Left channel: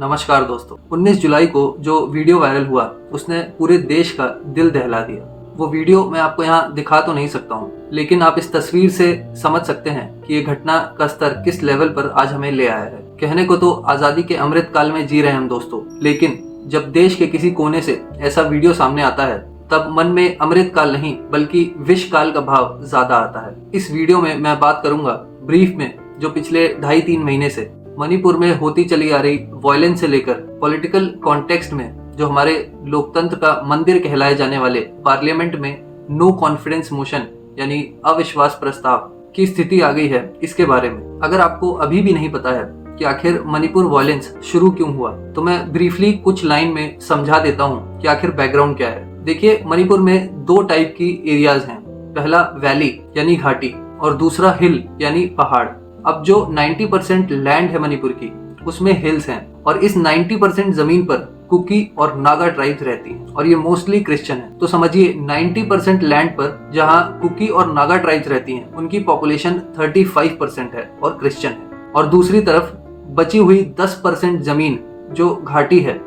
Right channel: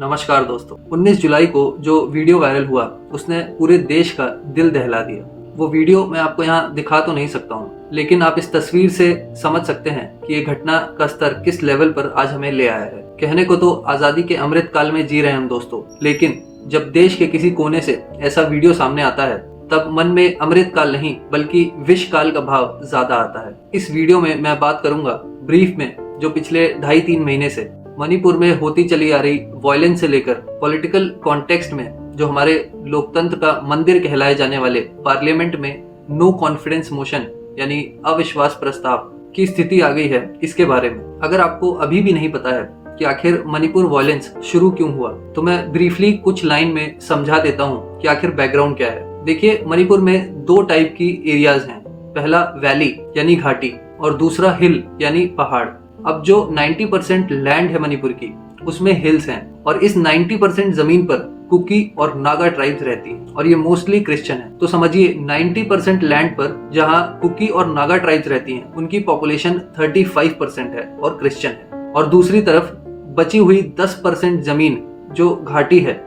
नमस्कार दोस्तों। 19 जुलाई को जो वीडियो वायरल हुआ उसने पूरे देश का दिल दहला दिया। वो वीडियो मैं आपको यहाँ दिखा तो नहीं सकता हूँ, लेकिन आप इस तस्वीर से समझ सकते हैं कि ये घटना का स्तर किस लेवल पर आज हमें ले आया है। कहने को तो आजादी के अमृत काल में जी रहे हैं हम दोस्तों, लेकिन जब देश के किसी कोने से ऐसा वीडियो सामने आता है तब मन में अमृत काल नहीं बल्कि विष काल का भाव ज्यादा आता है। इस वीडियो में मैं बात करूंगा ब्रीफ में जो पिछले 2.5-3 महीने से मणिपुर में होती चली आ रही वायलेंस से लेकर पॉलिटिकल कॉन्टेक्स्ट में जो हमारे लोकतंत्र का मंदिर कहलाए जाने वाले पार्लियामेंट में नो कॉन्फिडेंस मोशन यानी अविश्वास प्रस्ताव की स्थिति आ गई है, इसके बारे में। अगर आपको अभी भी नहीं पता है कि आखिर मणिपुर वायलेंस शुरू क्यों हुआ, तो मैं ब्रीफली कुछ लाइन में समझा देता हूँ कि आखिर बैकग्राउंड क्या है। देखिए, मणिपुर में 2 टाइप की एरियाज हैं। पहला वैली यानी घाटी और दूसरा हिल यानी पहाड़। अब जो 90% लैंड है मणिपुर की उसमें हिल्स हैं और इस 90% जमीन पर कुकी और नागा ट्राइब्स रहती हैं और ये मोस्टली क्रिश्चियन है। तो समझिए 90% लैंड पर जहाँ कुकी और नागा ट्राइब्स रहती हैं उनकी पॉपुलेशन 35% है और क्रिश्चियन है, और दूसरी तरफ बची हुई 10% जमीन जो घाटी है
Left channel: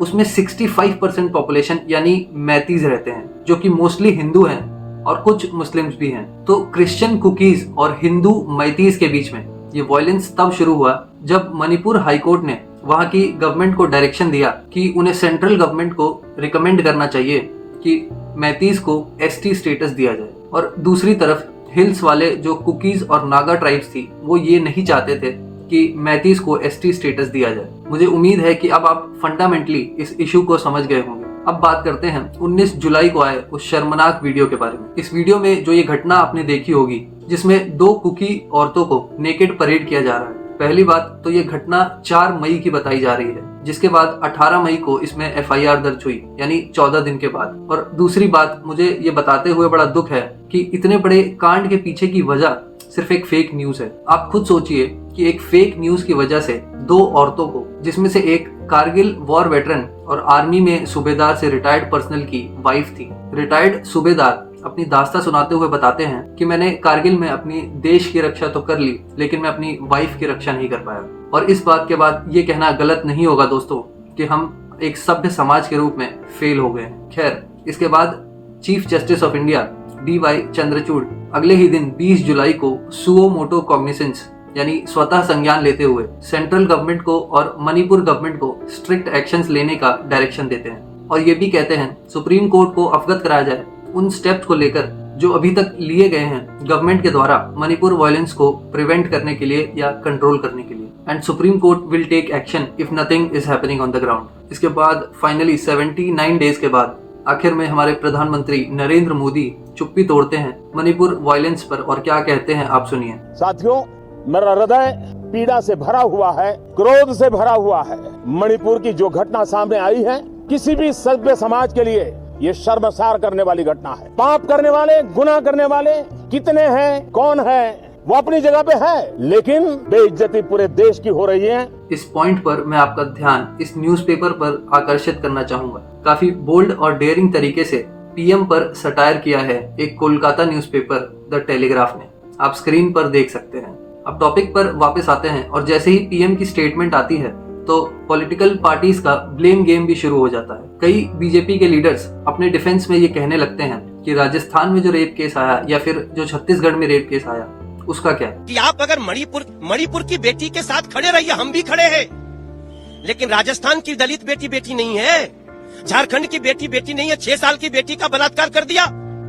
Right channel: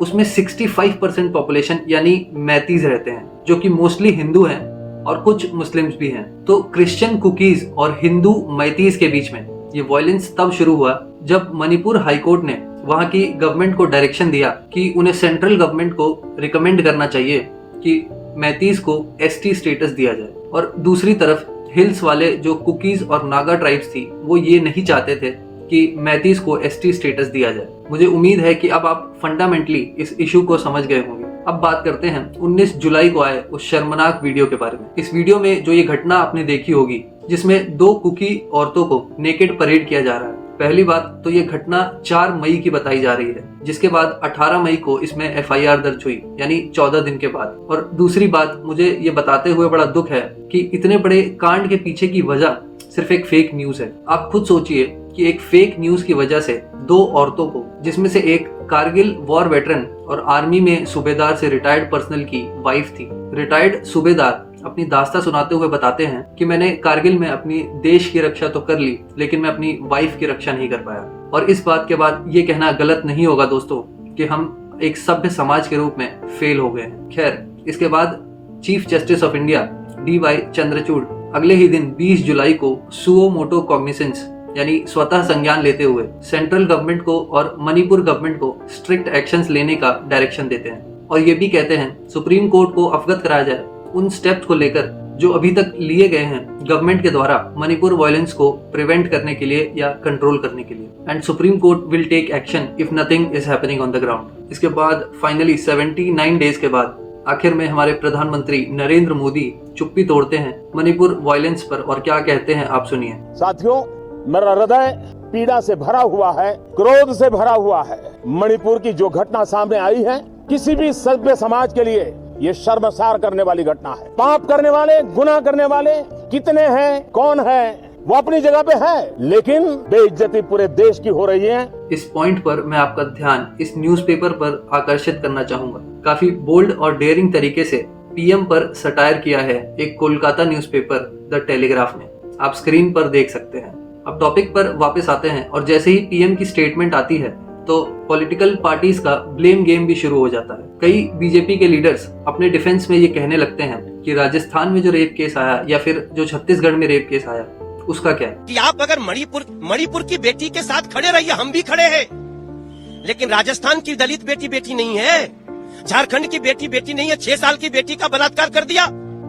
उसमें 65% पॉपुलेशन यानी मैतीज रहते हैं, जो कि मोस्टली हिंदू हैं और कुछ मुस्लिम्स भी हैं। तो क्रिश्चियन कुकीज और हिंदू मैतीज के बीच में ये वायलेंस तब शुरू हुआ जब मणिपुर हाई कोर्ट ने वहां की गवर्नमेंट को डायरेक्शन दिया कि उन्हें सेंट्रल गवर्नमेंट को रिकमेंड करना चाहिए कि मैतीज को एसटी स्टेटस दिया जाए। और दूसरी तरफ हिल्स वाले जो कुकीज और नागा ट्राइब्स थी वो ये नहीं चाहते थे कि मैतीज को एसटी स्टेटस दिया जाए। मुझे उम्मीद है कि अब आप फंडामेंटली इस इशू को समझ गए होंगे। अब बात करते हैं 19 जुलाई को आए उस शर्मनाक वीडियो के बारे में। इस वीडियो में जो ये घटना आपने देखी होगी जिसमें 2 कुकी औरतों को नेकेड परेड किया जा रहा है। पहली बात तो ये घटना 4 मई की बताई जा रही है, जिसके बाद 18 मई को इसमें FIR दर्ज हुई यानी 14 दिन के बाद। और दूसरी बात, मुझे ये बताते हुए बड़ा दुख है कि इतने बड़े कांड के पीछे की वजह सिर्फ एक फेक न्यूज है। आप खुद सोचिए कि एक फेक न्यूज की वजह से 2 औरतों को, जिसमें से एक कारगिल वॉर वेटरन और आर्मी में सूबेदार से रिटायर्ड पर्सनल की वाइफ थी। रिटायर्ड सूबेदार अपनी दास्तां सुनाते हुए बताते हैं कि मैंने कारगिल में अपनी देश की रक्षा तो कर ली, लेकिन मैं अपनी वाइफ की रक्षा नहीं कर पाया। और इस बात के बाद ये कहना गलत नहीं होगा दोस्तों कि हम एक सभ्य समाज के रूप में फेल हो गए। खैर, इसके बाद chief justice of India DY Chandrachud अगले ही दिन 20 जुलाई को सुओ मोटो कॉग्निसेंस यानी स्वतः संज्ञान लेते हुए सेंट्रल गवर्नमेंट को और मणिपुर गवर्नमेंट को स्ट्रिक्ट एक्शंस लेने का डायरेक्शन देते हैं और ये भी कहते हैं सुप्रीम कोर्ट को अवगत कराया जाए उन स्टेप्स को लेकर जो अभी तक लिए गए हैं गवर्नमेंट के द्वारा मणिपुर वायलेंस को प्रिवेंट करने के लिए या कंट्रोल करने के लिए, and supreme court will take action if nothing is happening on the ground. इसके बाद फाइनली 79 डेज के बाद आखिर में हमारे प्रधानमंत्री नरेंद्र मोदी चुप्पी तोड़ते हैं मणिपुर वायलेंस पर, और क्या कहते हैं आप सुनिए। साथियों, मेरा हृदय पीड़ा से भरा हुआ है, क्रोध से भरा हुआ है। मणिपुर की जो घटना सामने आई है किसी भी सभ्य समाज के लिए ये शर्मसार करने वाली घटना है। पाप करने वाले, गुनाह करने वाले कितने हैं, कौन है, वो अपनी जगह पे है, लेकिन बेइज्जती पूरे देश की हो रही है। इस पॉइंट पर मैं आपका ध्यान इस न्यूज़पेपर पर आकर्षित करना चाहूंगा। काफी बोल्ड और डेयरिंग तरीके से PM पर सटायर किया है एक कोलकाता न्यूज़पेपर द टेलीग्राफ ने। आप स्क्रीन पर देख सकते हैं। अब टॉपिक पर वापस आते हैं और जैसे ही PM की स्टेटमेंट आती है तो पॉलिटिकल पार्टीज का ब्लेम गेम भी शुरू हो जाता है। कई बीजेपी के लीडर्स अपने डिफेंस में ये कहने लगते हैं कि राजस्थान में जो रेप केस आया या फिर जो छत्तीसगढ़ में रेप केस आया उसका क्या है, कि आप अगर मणिपुर की बेटी के साथ खड़े रहिए, हम भी खड़े हैं, लेकिन राजस्थान की दलित बेटी नहीं है, झारखंड की बेटी नहीं है, 6 साल की बेटी का बलात्कार कर दिया।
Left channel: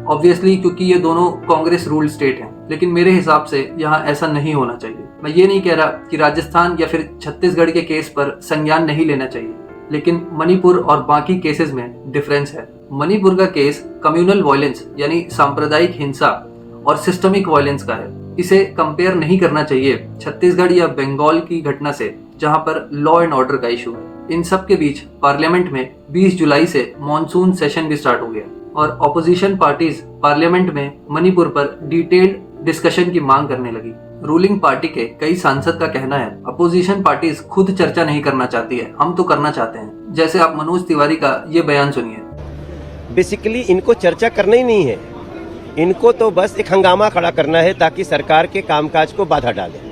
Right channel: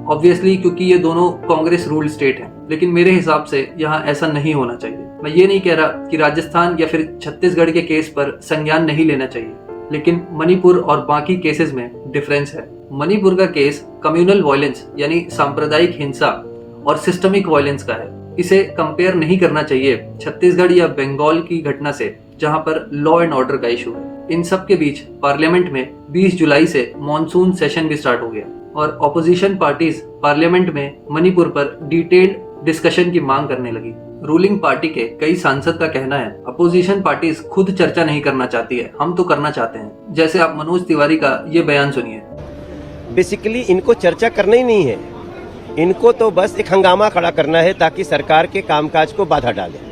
ऑब्वियसली क्योंकि ये दोनों कांग्रेस रूल्ड स्टेट हैं, लेकिन मेरे हिसाब से यहाँ ऐसा नहीं होना चाहिए। मैं ये नहीं कह रहा कि राजस्थान या फिर छत्तीसगढ़ के केस पर संज्ञान नहीं लेना चाहिए, लेकिन मणिपुर और बाकी केसेस में डिफरेंस है। मणिपुर का केस कम्युनल वायलेंस यानी सांप्रदायिक हिंसा और सिस्टमिक वायलेंस का है। इसे कंपेयर नहीं करना चाहिए छत्तीसगढ़ या बंगाल की घटना से जहां पर लॉ एंड ऑर्डर का इशू है। इन सब के बीच पार्लियामेंट में 20 जुलाई से मॉनसून सेशन भी स्टार्ट हो गया और ऑपोजिशन पार्टीज पार्लियामेंट में मणिपुर पर डिटेल्ड डिस्कशन की मांग करने लगी। रूलिंग पार्टी के कई सांसद का कहना है अपोजिशन पार्टीज खुद चर्चा नहीं करना चाहती है, हम तो करना चाहते हैं। जैसे आप मनोज तिवारी का ये बयान सुनिए। बेसिकली इनको चर्चा करना ही नहीं है, इनको तो बस एक हंगामा खड़ा करना है ताकि सरकार के कामकाज को बाधा डाले।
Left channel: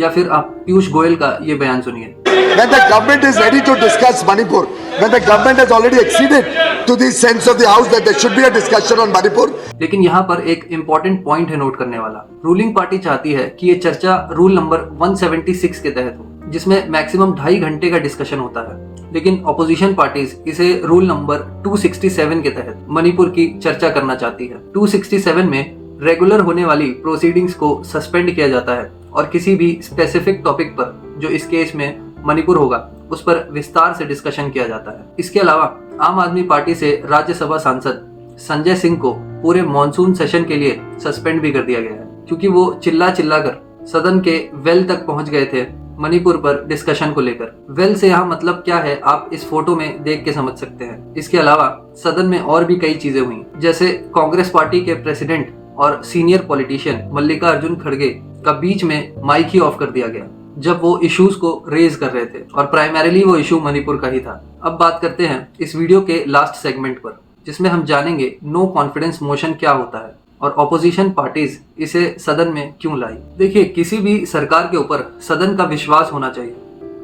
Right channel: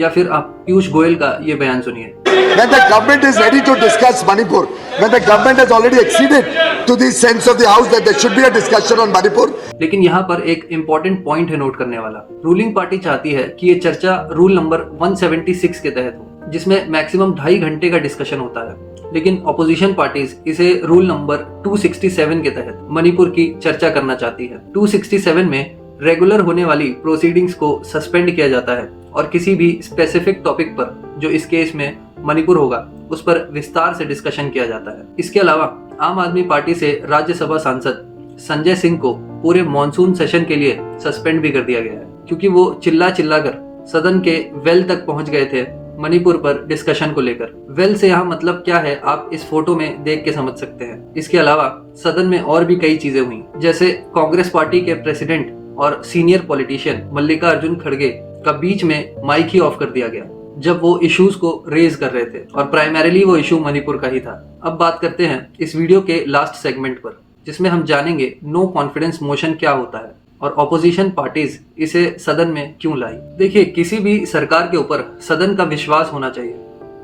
या फिर आप पीयूष गोयल का ये बयान सुनिए। when the government is ready to discuss Manipur, when the government has already acceded to the sense of the house that there should be a discussion on Manipur. लेकिन यहाँ पर एक इम्पोर्टेंट पॉइंट है नोट करने वाला। Ruling party चाहती है कि ये चर्चा रूल नंबर 176 के तहत हो, जिसमें मैक्सिमम 2.5 घंटे का डिस्कशन होता है। लेकिन ऑपोजिशन पार्टीज इसे रूल नंबर 267 के तहत मणिपुर की चर्चा करना चाहती है। 267 में रेगुलर होने वाली प्रोसीडिंग्स को सस्पेंड किया जाता है और किसी भी स्पेसिफिक टॉपिक पर, जो इस केस में मणिपुर होगा, उस पर विस्तार से डिस्कशन किया जाता है। इसके अलावा आम आदमी पार्टी से राज्यसभा सांसद संजय सिंह को पूरे मॉनसून सेशन के लिए सस्पेंड भी कर दिया गया है, क्योंकि वो चिल्ला कर सदन के वेल तक पहुंच गए थे मणिपुर पर डिस्कशन को लेकर। वेल से यहाँ मतलब क्या है आप इस फोटो में देख के समझ सकते हैं। इसके अलावा सदन में और भी कई चीजें हुई, जैसे कांग्रेस पार्टी के प्रेसिडेंट और सीनियर पॉलिटिशियन मल्लिकार्जुन खड़गे का बीच में माइक ही ऑफ कर दिया गया जब वो इश्यूज को रेज कर रहे थे, और प्राइमरीली वो इशू मणिपुर का ही था। अब बात करते हैं इस वीडियो के लास्ट सेगमेंट पर, जिसमें हम जानेंगे नो कॉन्फिडेंस मोशन क्या होता है और ऑपोजिशन पार्टीज इसे सदन में क्यों लाई। देखिए, किसी भी सरकार के ऊपर सदन का विश्वास होना चाहिए।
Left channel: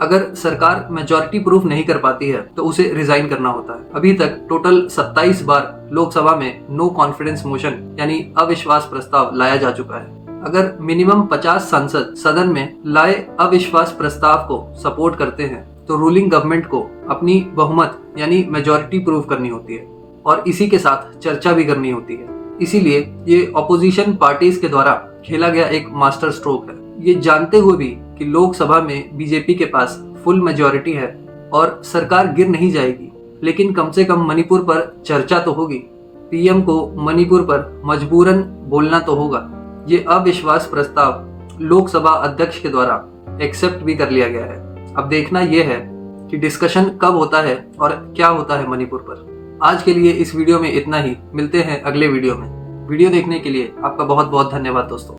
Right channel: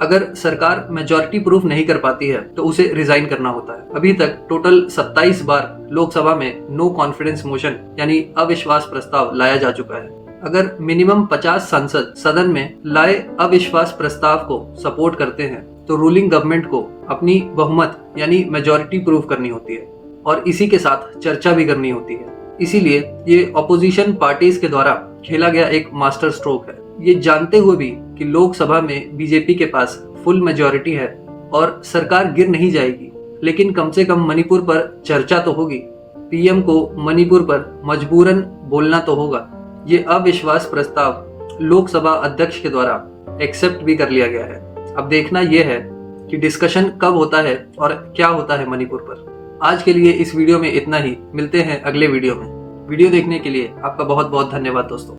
अगर सरकार मेजॉरिटी प्रूफ नहीं कर पाती है तो उसे रिजाइन करना होता है। अभी तक टोटल 27 बार लोकसभा में नो कॉन्फिडेंस मोशन यानी अविश्वास प्रस्ताव लाया जा चुका है। अगर मिनिमम 50 सांसद सदन में लाए अविश्वास प्रस्ताव को सपोर्ट करते हैं तो रूलिंग गवर्नमेंट को अपनी बहुमत यानी मेजॉरिटी प्रूव करनी होती है और इसी के साथ चर्चा भी करनी होती है। इसीलिए ये अपोजिशन पार्टीज के द्वारा खेला गया एक मास्टर स्ट्रोक है, ये जानते हुए भी कि लोकसभा में बीजेपी के पास फुल मेजॉरिटी है और सरकार गिर नहीं जाएगी, लेकिन कम से कम मणिपुर पर चर्चा तो होगी, पीएम को मणिपुर पर मजबूरन बोलना तो होगा। ये अविश्वास प्रस्ताव लोकसभा अध्यक्ष के द्वारा एक्सेप्ट भी कर लिया गया है। अब देखना यह है कि डिस्कशन कब होता है और क्या होता है मणिपुर पर। आज के लिए इस वीडियो में इतना ही, मिलते हैं अगले वीडियो में। वीडियो देखने के लिए आपका बहुत बहुत धन्यवाद दोस्तों।